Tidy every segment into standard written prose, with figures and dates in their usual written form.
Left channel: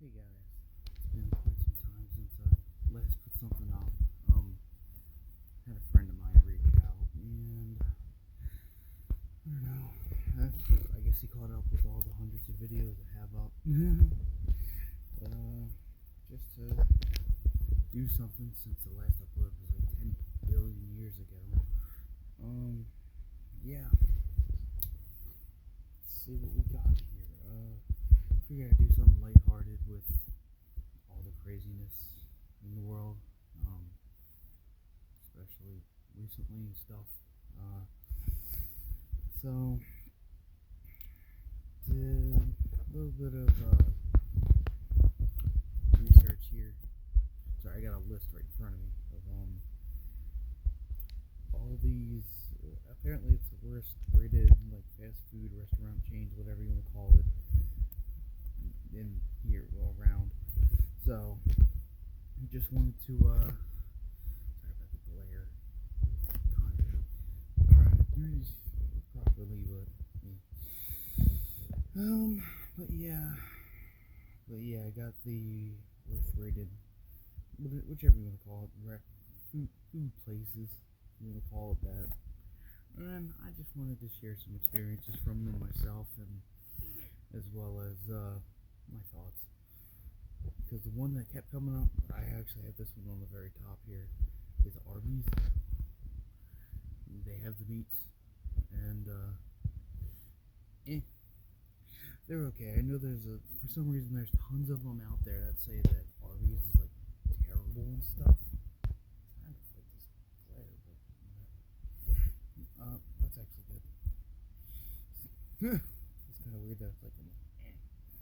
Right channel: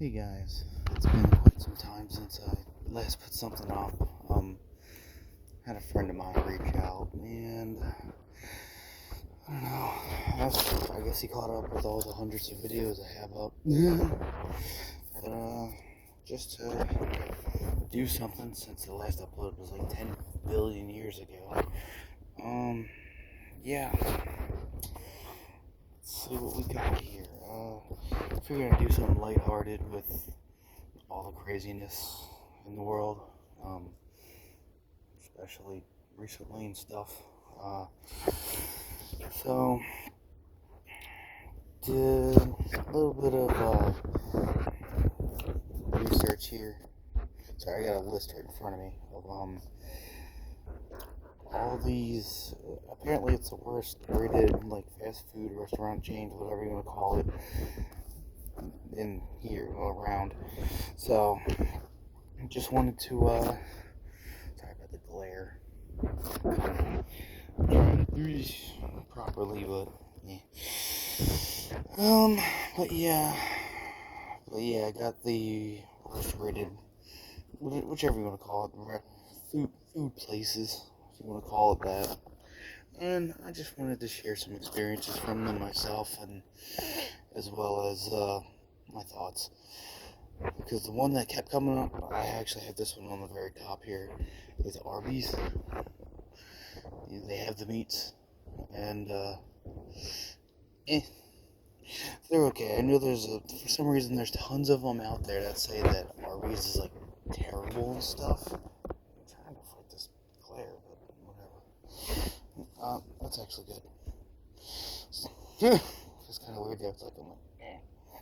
Hey guys, it's been quite some time since I last put something up. Had a friend of mine reach out, and I don't know. I guess he caught up with all the hundreds of videos I have up. Just to do something since the last upload was like 10 billion years ago. Yeah. Let's see what we got here. I figured I'd do something lighthearted with all the craziness in the world, especially recently and stuff. Uh, so, did a little bit of research here. Sorry, I got a list right in front of me of all these. Apparently, it's the worst rated like fast food restaurant chains, whatever you want to call it, in here around. So, I just wanted to. Sorry about the glare. I'm trying to do this properly, but yeah. Um, but yeah, I got the worst rated, whichever you want to call it, food places, if you want to call it that. And I just wanted to share some experiences from them myself, and as well as my thoughts. Because the one that kept coming up, I actually have this one on the very top here, is Arby's. They have the meats, and eh, they're okay. I know for some reason there's tons of them out there that say that Arby's is like terrible and stuff. I'm trying to fight this glare, but whatever. That's actually good. It's kind of weird that it's like I'm like,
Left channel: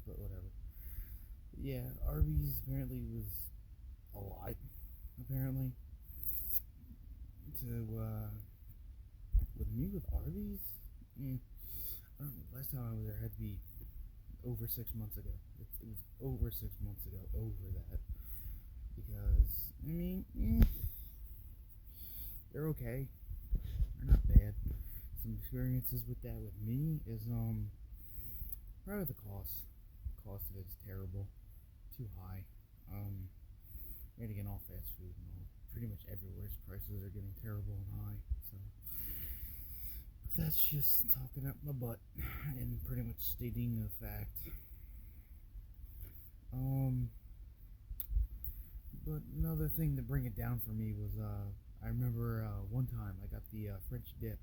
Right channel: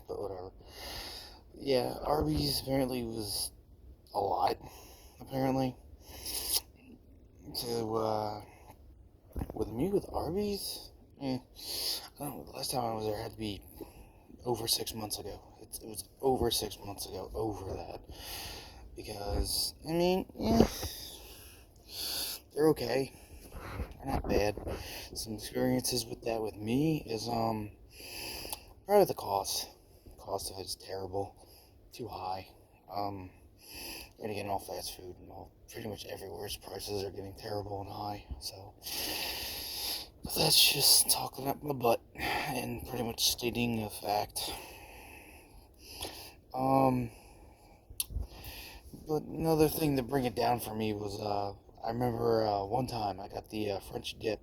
but whatever. Yeah, Arby's apparently was a lot. Apparently, to with Arby's, I don't know. The last time I was there had to be over 6 months ago. It was over 6 months ago, over that. Because, I mean, they're okay. They're not bad. Some experiences with that with me is, probably the cost. The cost of it is terrible. Too high. And again, all fast food and all, pretty much everywhere's prices are getting terrible and high. So, but that's just talking up my butt and pretty much stating a fact. Um, but another thing to bring it down for me was I remember one time I got the French dip,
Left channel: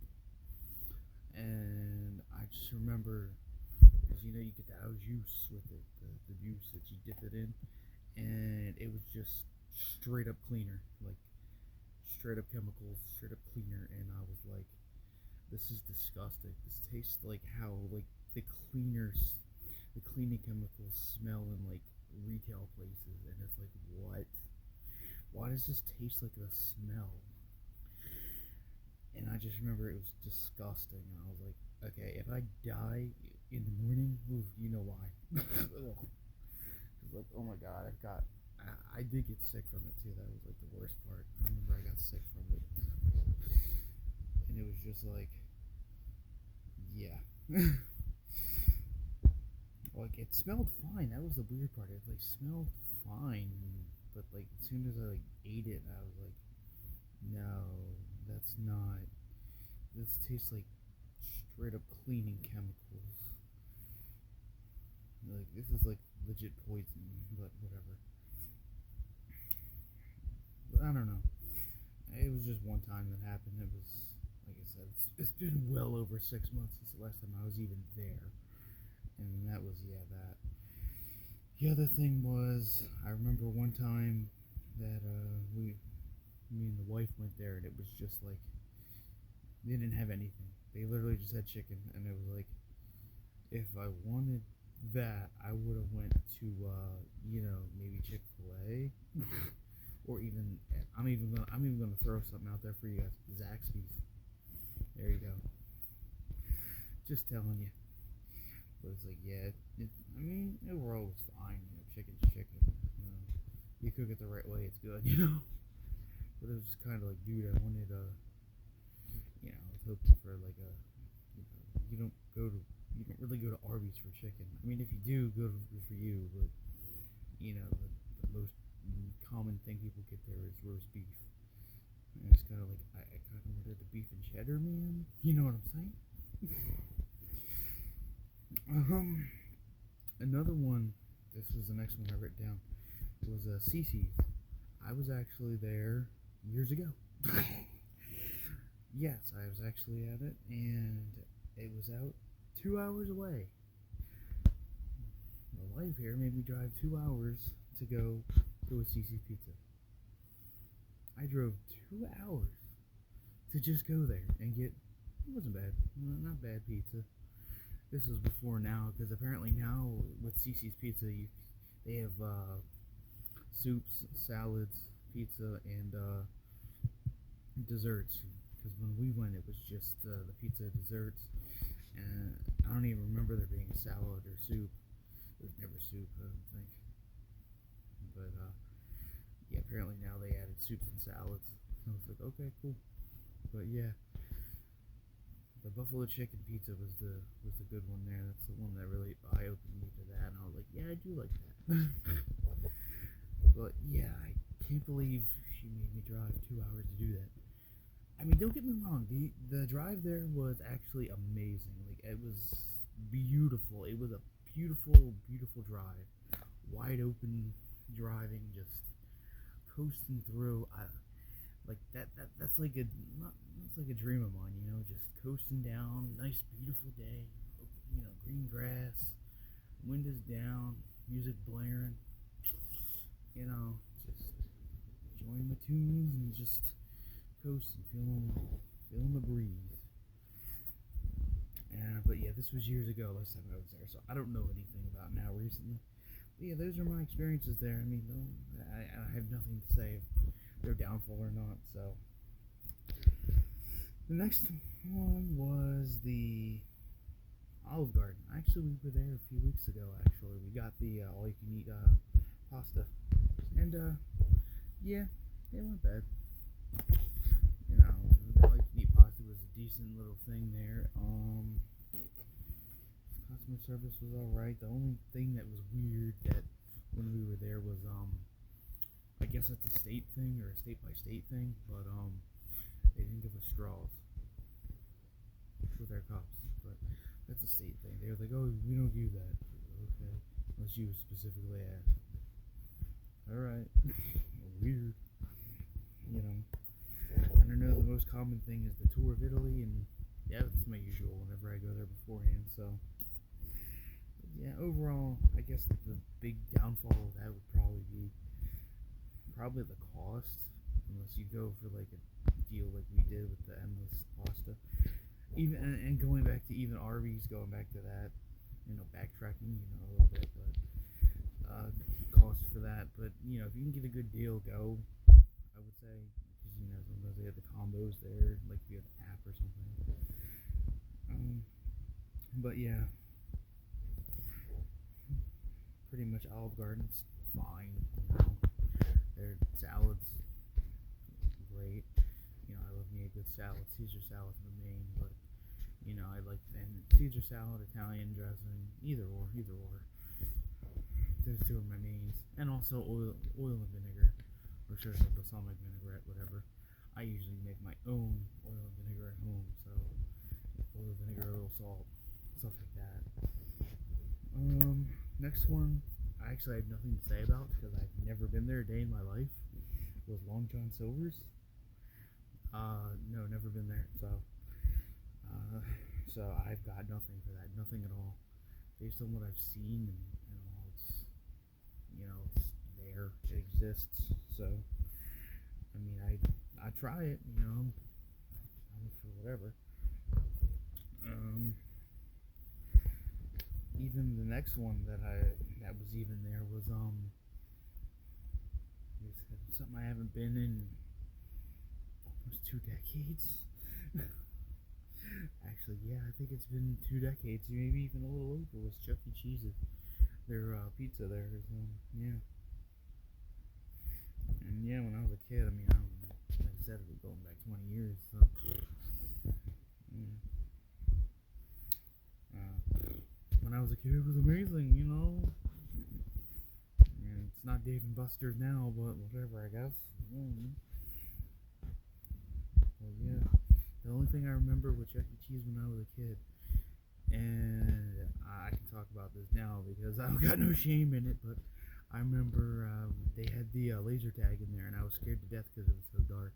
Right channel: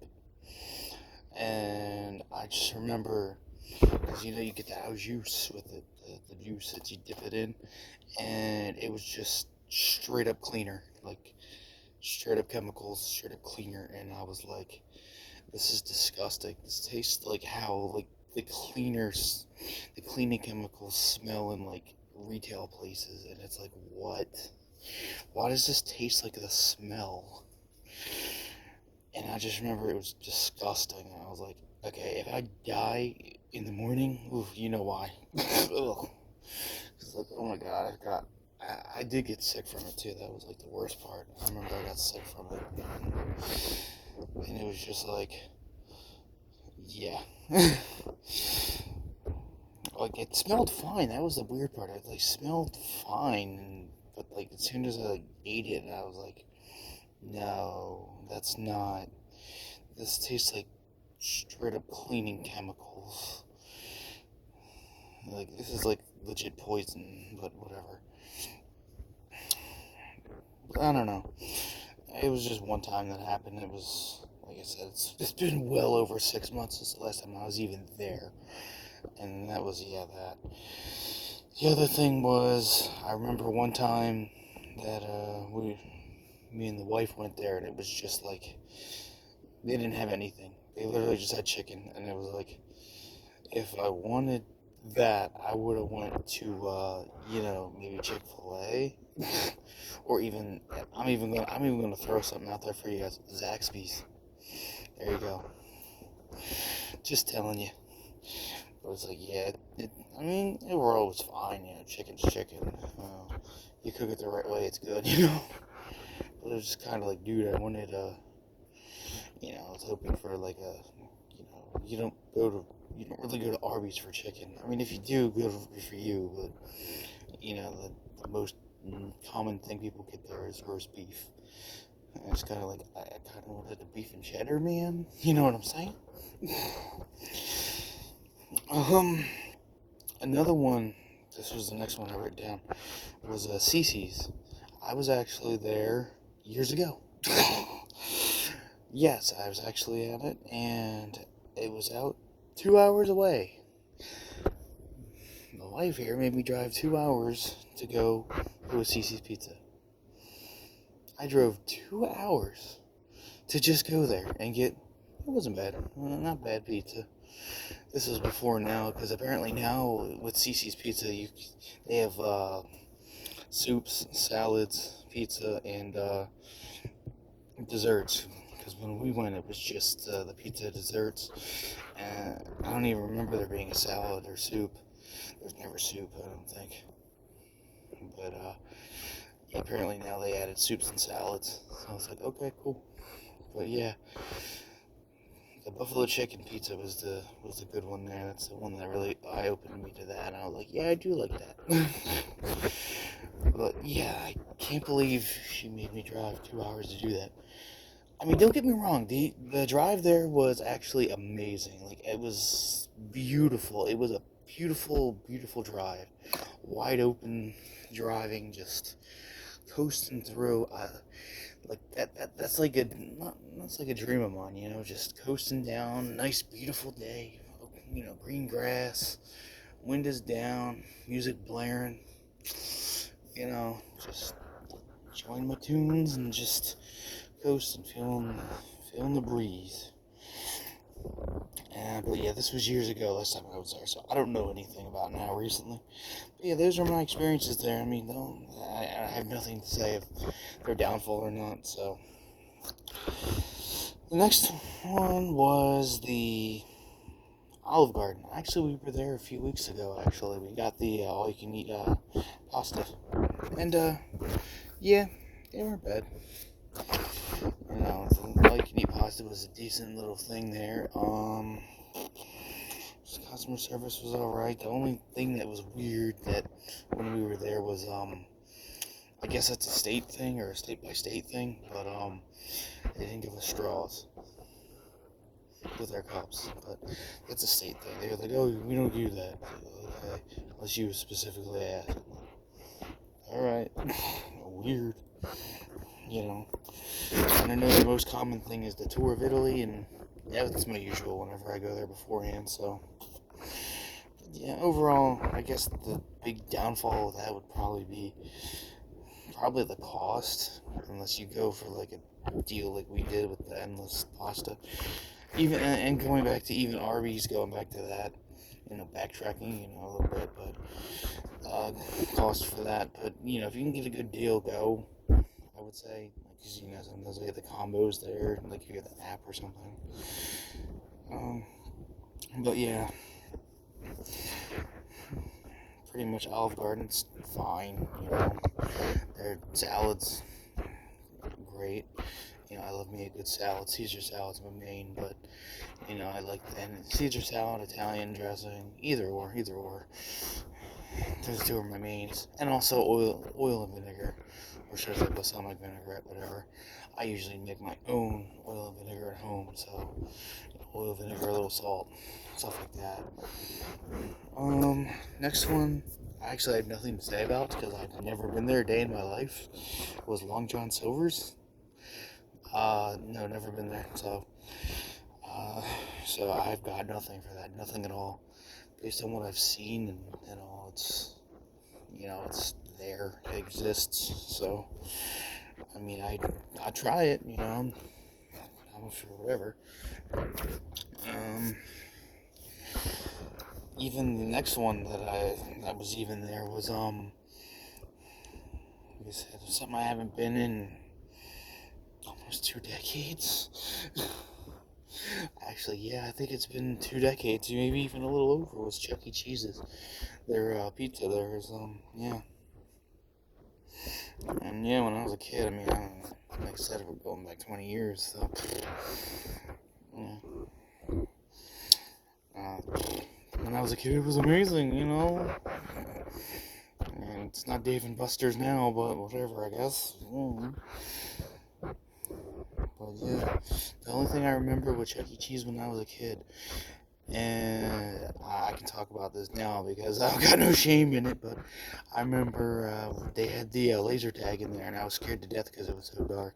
and I just remember because you get the au juice with it, the juice that you dip it in, and it was just straight up cleaner, like straight up chemicals, straight up cleaner, and I was like, this is disgusting. This tastes like how like the cleaners, the cleaning chemicals smell in like retail places, and it's like what? Why does this taste like the smell? And I just remember it was disgusting. And I was like, okay, if I die in the morning, oof, you know why? Ugh. It's like, oh my god, I did get sick from it too. That was like the worst part. I remember I got sick from it, and it was just like, yeah, like it smelled fine. That was the weird part. It like smelled fine, but like as soon as I like, ate it, I was like, no, that's not. This tastes like straight up cleaning chemicals. Like this is like legit poison, but whatever. I don't know. It was just one time that happened. It was, like I said, it's been well over 6 months since the last time I was even there. And that was, yeah, that. The other thing was, I remember one time that me and the wife went there, and it was just like, they didn't have anything. They literally just had chicken, and it was like, if I wanted that, I would have went to, maybe Chick-fil-A. Or even I'm even gonna throw something out there for you guys. Zaxby's. There you go. Just telling you. It was like, yeah. I mean, overall it was fine. Chicken's chicken. You cook it the right way, it's good. But it was just kind of like, dude, I wanted I was hoping for like you don't really go to Arby's for chicken. I mean, if you do, good for you. But the most common thing people get there is roast beef. And it's kind of like, I kind of wanted the beef and cheddar, man. You know what I'm saying? Another one, this was the next one I wrote down, was Cece's. I was actually there years ago. Yes, I was actually at it, and it was out 2 hours away. My wife here made me drive 2 hours to go to a Cece's Pizza. I drove 2 hours to just go there and get, it wasn't bad, not bad pizza. This was before now, because apparently now with Cece's Pizza, they have soups, salads, pizza, and desserts. Because when we went, it was just the pizza, desserts, and I don't even remember there being a salad or soup. There's never soup, I don't think. But yeah, apparently now they added soups and salads. So I was like, okay, cool. But yeah, the buffalo chicken pizza was the good one there. That's the one that really eye-opened me to that. And I was like, yeah, I do like that. But yeah, I can't believe she made me drive 2 hours to do that. I mean, don't get me wrong. The drive there was actually amazing. Like, it was beautiful. It was a beautiful, beautiful drive. Wide open driving, just coasting through. Like that's like that's like a dream of mine, just coasting down, nice beautiful day, green grass, wind is down, music blaring, just enjoying my tunes and just coasting, feeling the breeze. But yeah, this was years ago, last time I was there, so I don't know anything about now recently. But yeah, those are my experiences there. I mean, I have nothing to say if they're downfall or not, so. The next one was the Olive Garden. Actually, we were there a few weeks ago, actually. We got the all-you-can-eat pasta. And, yeah, they weren't bad. The all-you-can-eat pasta was a decent little thing there. Customer service was alright. The only thing that was weird that when we were there was, I guess that's a state thing or a state-by-state thing, but, they didn't give us straws with our cups, but that's a state thing. They were like, oh, we don't do that. Okay, unless you specifically asked. Alright, weird, And I know the most common thing is the tour of Italy, and yeah, that's my usual whenever I go there beforehand, so. Yeah, overall, I guess the big downfall of that would probably be the cost, unless you go for like a deal like we did with the endless pasta. Even and going back to even Arby's, going back to that, backtracking, a little bit, but cost for that. But if you can get a good deal, go. I would say, because sometimes they get the combos there, like you get the app or something. But yeah. Pretty much Olive Garden's fine, Their salads, great. I love me a good salad. Caesar salad's my main, but, I like, and Caesar salad, Italian dressing, either or. Those two are my mains. And also oil and vinegar, or should I say balsamic vinaigrette, whatever. I usually make my own oil and vinegar at home, so oil, vinegar, a little salt, stuff like that. Next one, I actually have nothing to say about because I've never been there a day in my life. It was Long John Silver's. No, never been there. So I've got nothing for that, nothing at all. Based on what I've seen and all, it's there, it exists. So, I mean, I try it, I'm sure whatever. Even the next one that was even there was something I haven't been in almost 2 decades. Actually, yeah, I think it's been 2 decades, maybe even a little over. Was Chuck E. Cheese's? Their pizza there is yeah. And yeah, when I was a kid, I mean, like I said, we're going back 20 years, so yeah. When I was a kid, it was amazing, And it's not Dave and Buster's now, but whatever, I guess. But yeah, the only thing I remember with Chuck E. Cheese when I was a kid, and I can talk about this now because I've got no shame in it, but I remember they had the laser tag in there, and I was scared to death because it was so dark.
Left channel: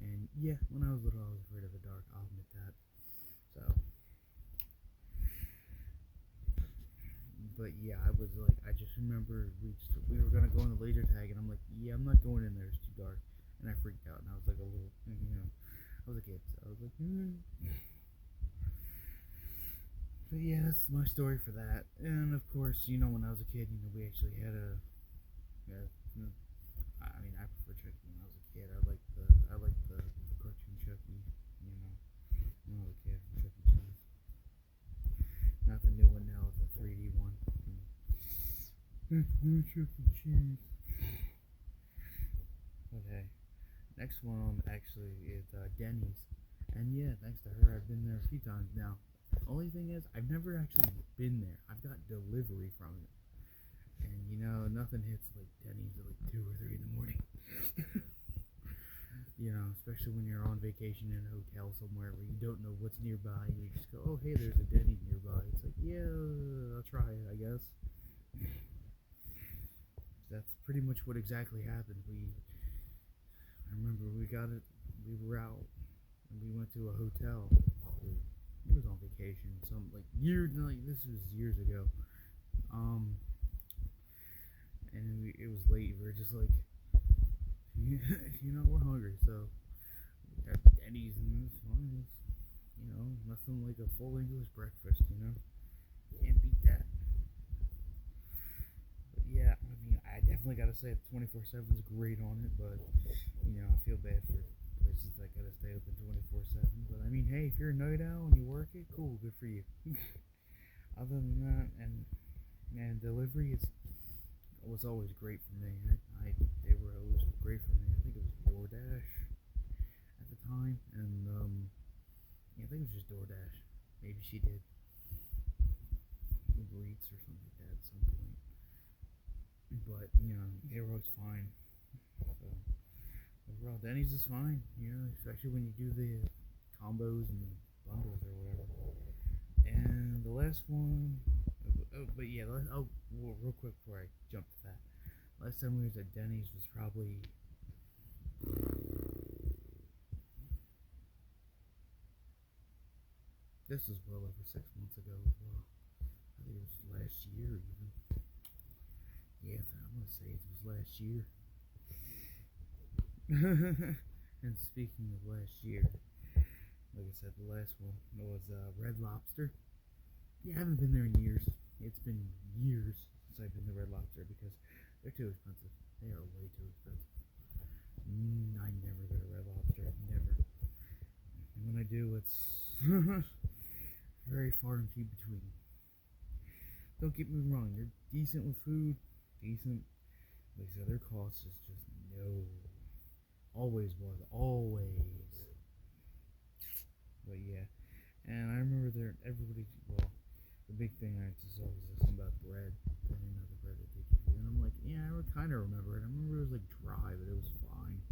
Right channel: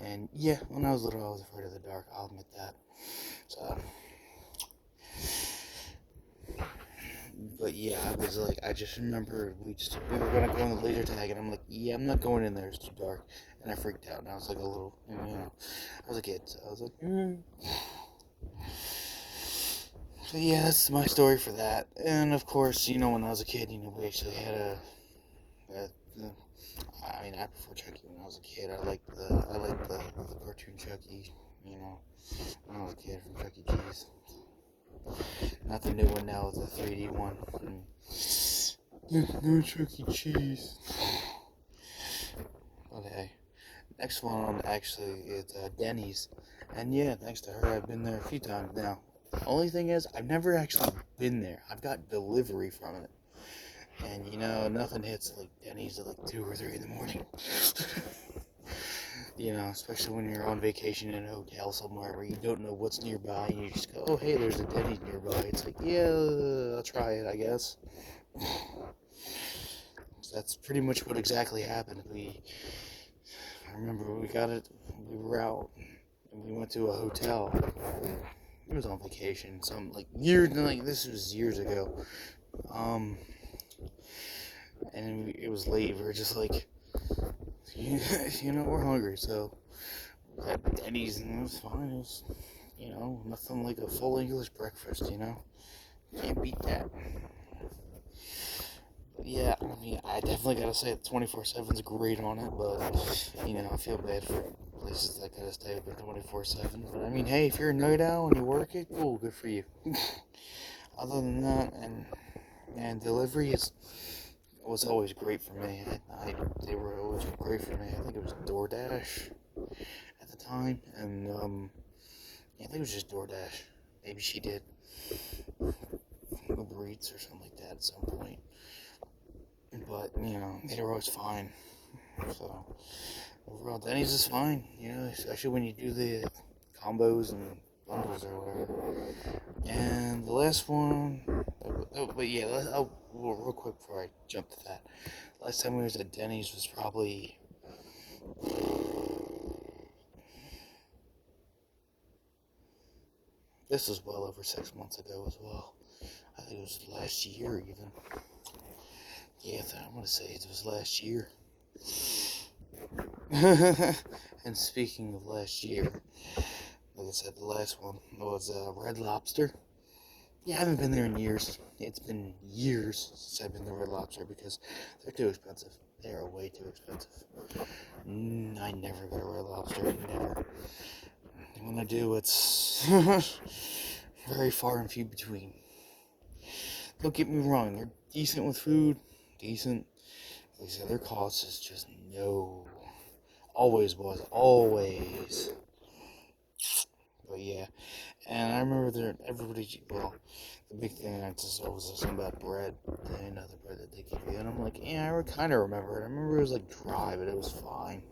And yeah, when I was little, I was afraid of the dark, I'll admit that. So, but yeah, I just remember we were gonna go on the laser tag, and I'm like, yeah, I'm not going in there, it's too dark. And I freaked out, and I was like a little, I was a kid, so I was like, So yeah, that's my story for that. And of course, when I was a kid, we actually had I prefer Chucky when I was a kid. I liked the cartoon Chucky, when I was a kid from Chuck E. Cheese. Not the new one now, the 3D one. No Chuck E. Cheese. Okay. Next one actually is Denny's. And yeah, thanks to her, I've been there a few times now. The only thing is, I've never actually been there. I've got delivery from it. And nothing hits like Denny's at like 2 or 3 in the morning. Especially when you're on vacation in a hotel somewhere where you don't know what's nearby and you just go, oh hey, there's a Denny's nearby. It's like, yeah, I'll try it, I guess. So that's pretty much what exactly happened. I remember we were out and we went to a hotel. It was on vacation, this was years ago. And it was late. We were just like, we're hungry, so we had Denny's, and it was fine. It was, nothing like a full English breakfast. Can't beat that. But yeah, I definitely gotta say that 24/7's great on it, but I feel bad for places that gotta stay open 24/7. But hey, if you're a night owl and you work it, cool, good for you. Other than that, and delivery was always great for me. They were always great for me. I think it was DoorDash at the time, and I think it was just DoorDash. Maybe she did Uber Eats or something like that at some point. But they were always fine. So overall, Denny's is fine. Especially when you do the combos and bundles or whatever. And the last one, real quick before I jump to that. Last time we was at Denny's was probably this was well over 6 months ago as well. I think it was last year even. Yeah, I'm gonna say it was last year. And speaking of last year, like I said, the last one was Red Lobster. Yeah, I haven't been there in years. It's been years since I've been to Red Lobster because they're too expensive. They are way too expensive. I never go to Red Lobster. Never. And when I do, it's very far and few between. Don't get me wrong. They're decent with food. Decent. Like I said, their cost is just no. Always was. Always. But yeah. And I remember the big thing I just saw was something about bread, the bread that they give you, and I'm like, yeah, I kind of remember it. I remember it was like dry, but it was fine,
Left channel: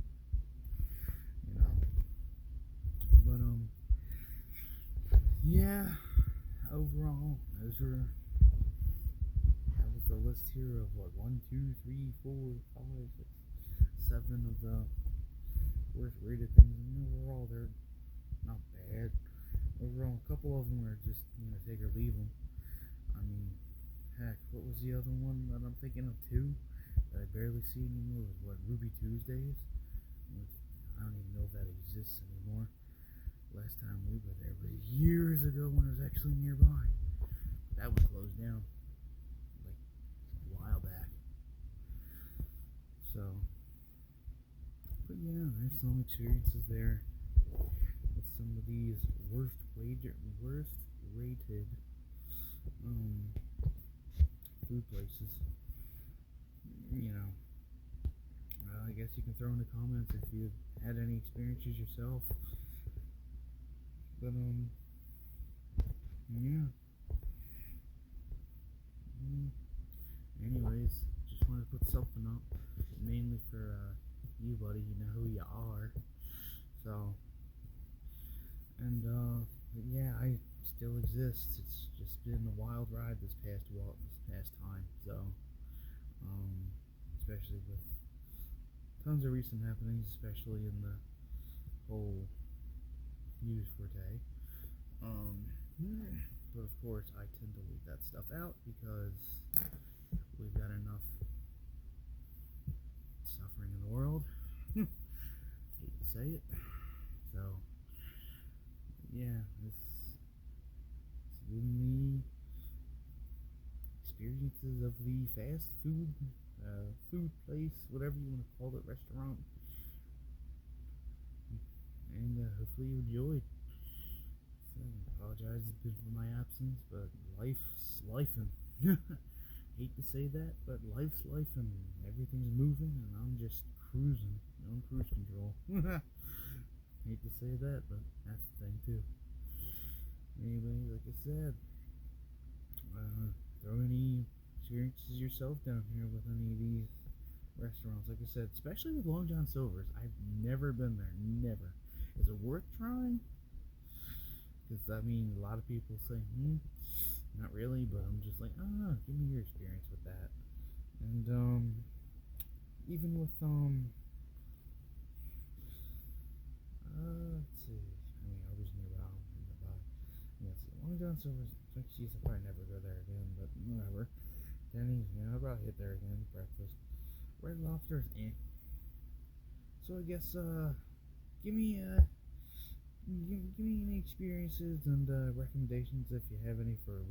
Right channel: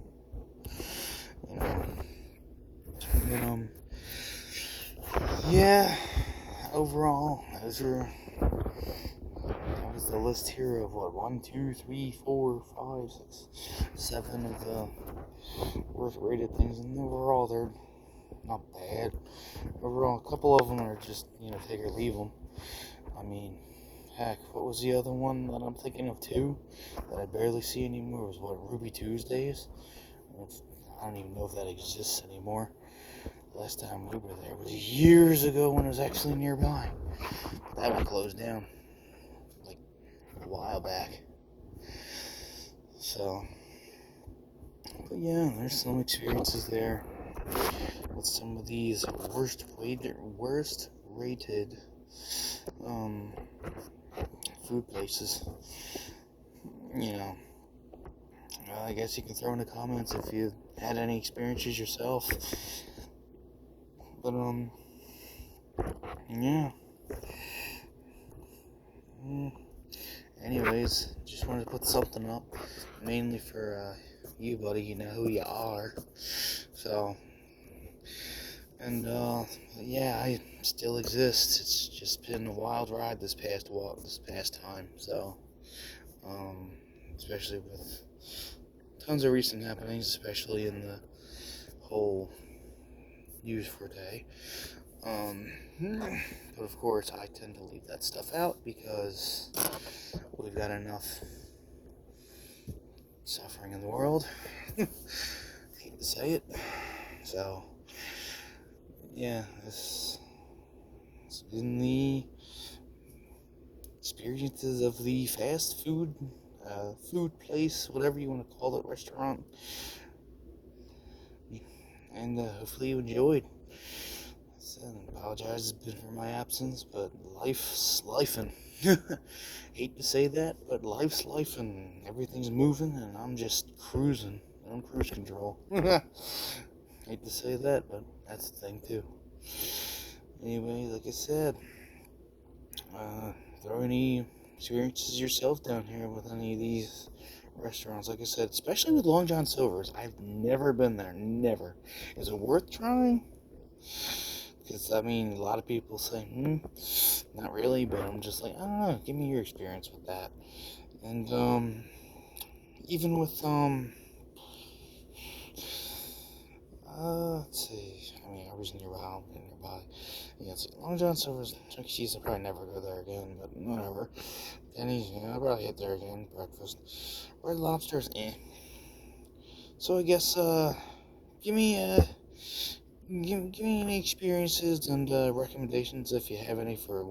And then, yeah, overall, that was the list here of 1, 2, 3, 4, 5, 6, 7 of the worst rated things, and overall, they're not bad. Overall, a couple of them are just, take or leave them. Heck, what was the other one that I'm thinking of too, that I barely see anymore, was Ruby Tuesdays? I don't even know if that exists anymore. Last time we were there was years ago when it was actually nearby. That one closed down, like, a while back. So, but yeah, there's some experiences there with some of these worst rated food places. I guess you can throw in the comments if you had any experiences yourself. But yeah. anyways, just wanted to put something up, mainly for you, buddy. You know who you are. So, and yeah, I still exist. It's just been a wild ride this past time. So, um, especially with tons of recent happenings, especially in the whole news for today. But of course, I tend to leave that stuff out because we've got enough suffering in the world. Hate to say it. So, yeah, this has been the experiences of the fast food, food place, whatever you want to call it, restaurant. And hopefully you enjoyed. I apologize for my absence, but life's lifing. Hate to say that, but life's lifing. Everything's moving, and I'm just cruising. I'm cruise control. Hate to say that, but that's the thing too. Anyway, like I said, throw any experiences yourself down here with any of these restaurants. Like I said, especially with Long John Silver's. I've never been there. Never. Is it worth trying? Because, I mean, a lot of people say, not really, but I'm just like, I don't know, give me your experience with that. And, even with, let's see, I mean, I was nearby. Yeah, see, Long John Silver's, Chuck E. Cheese, I'll probably never go there again, but whatever. Denny's, I'll probably hit there again, breakfast. Red Lobster's, So I guess, give me, give me any experiences and recommendations if you have any for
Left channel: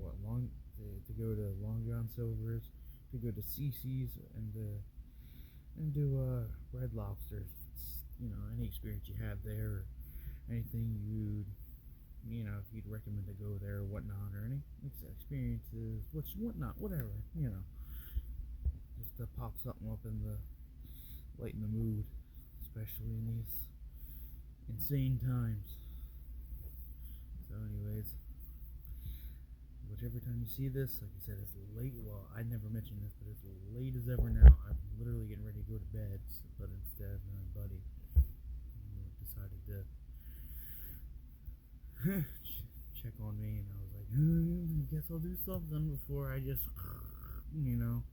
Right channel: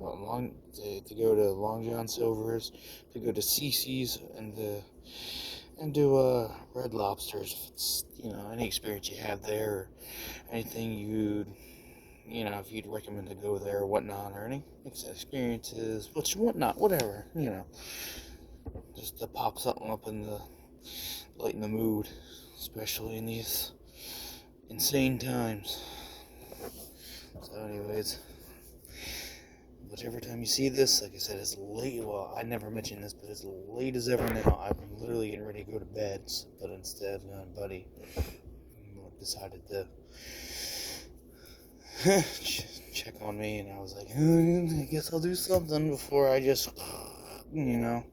to go to Long John Silver's, to go to Cece's, and do Red Lobsters. If it's, any experience you have there, or anything if you'd recommend to go there or whatnot, or any experiences, whatnot, whatever, just to pop something up in the lighten the mood, especially in these insane times. So anyways, whichever time you see this, like I said, it's late. Well, I never mentioned this, but it's late as ever now. I'm literally getting ready to go to bed, but instead, my buddy decided to check on me, and I was like, I guess I'll do something before I just, before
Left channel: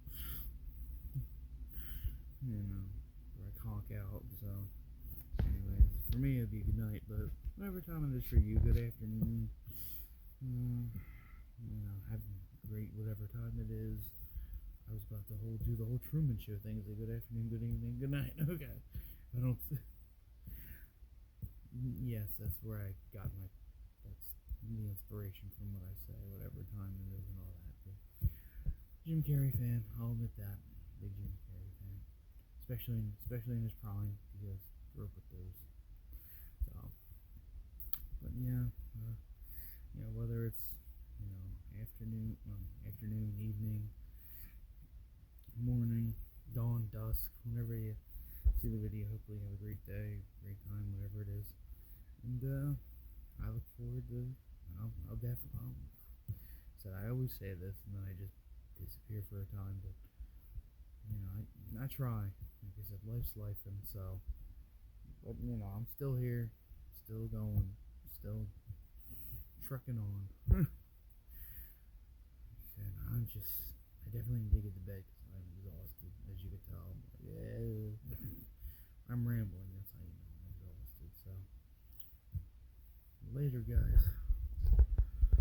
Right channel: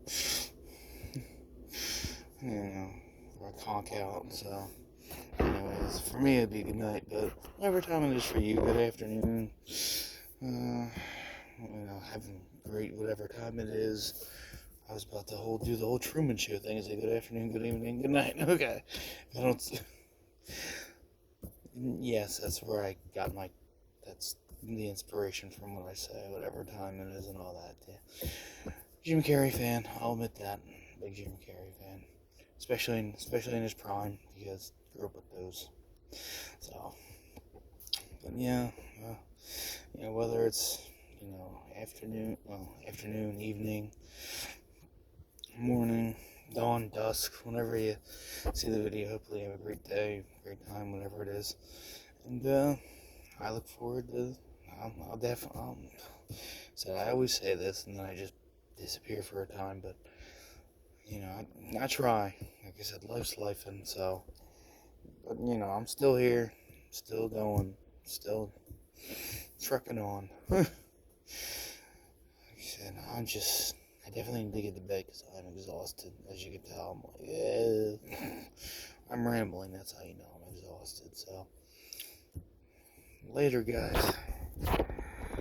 I conk out. So anyways, for me it'd be good night, but whatever time it is for you, good afternoon. Having great whatever time it is. I was about to do the whole Truman Show thing and say good afternoon, good evening, good night. Okay. I don't. Yes, that's where I got that's the inspiration from what I say, whatever time it is and all that. Yeah. Jim Carrey fan, I'll admit that. Big Jim Carrey fan. Especially in his prime, because I grew up with those. So, but yeah, whether it's, afternoon, evening, morning, dawn, dusk, whenever you see the video, hopefully you have a great day, great time, whatever it is. And, I look forward to, I'll definitely, so I always say this, and then I just disappear for a time, but, I try. Like I said, life's life, and so, but, I'm still here, still going, still trucking on. Like I said, I definitely need to get to bed because I'm exhausted, as you can tell. I'm like, I'm rambling, that's how you know I'm exhausted, so, later, guys.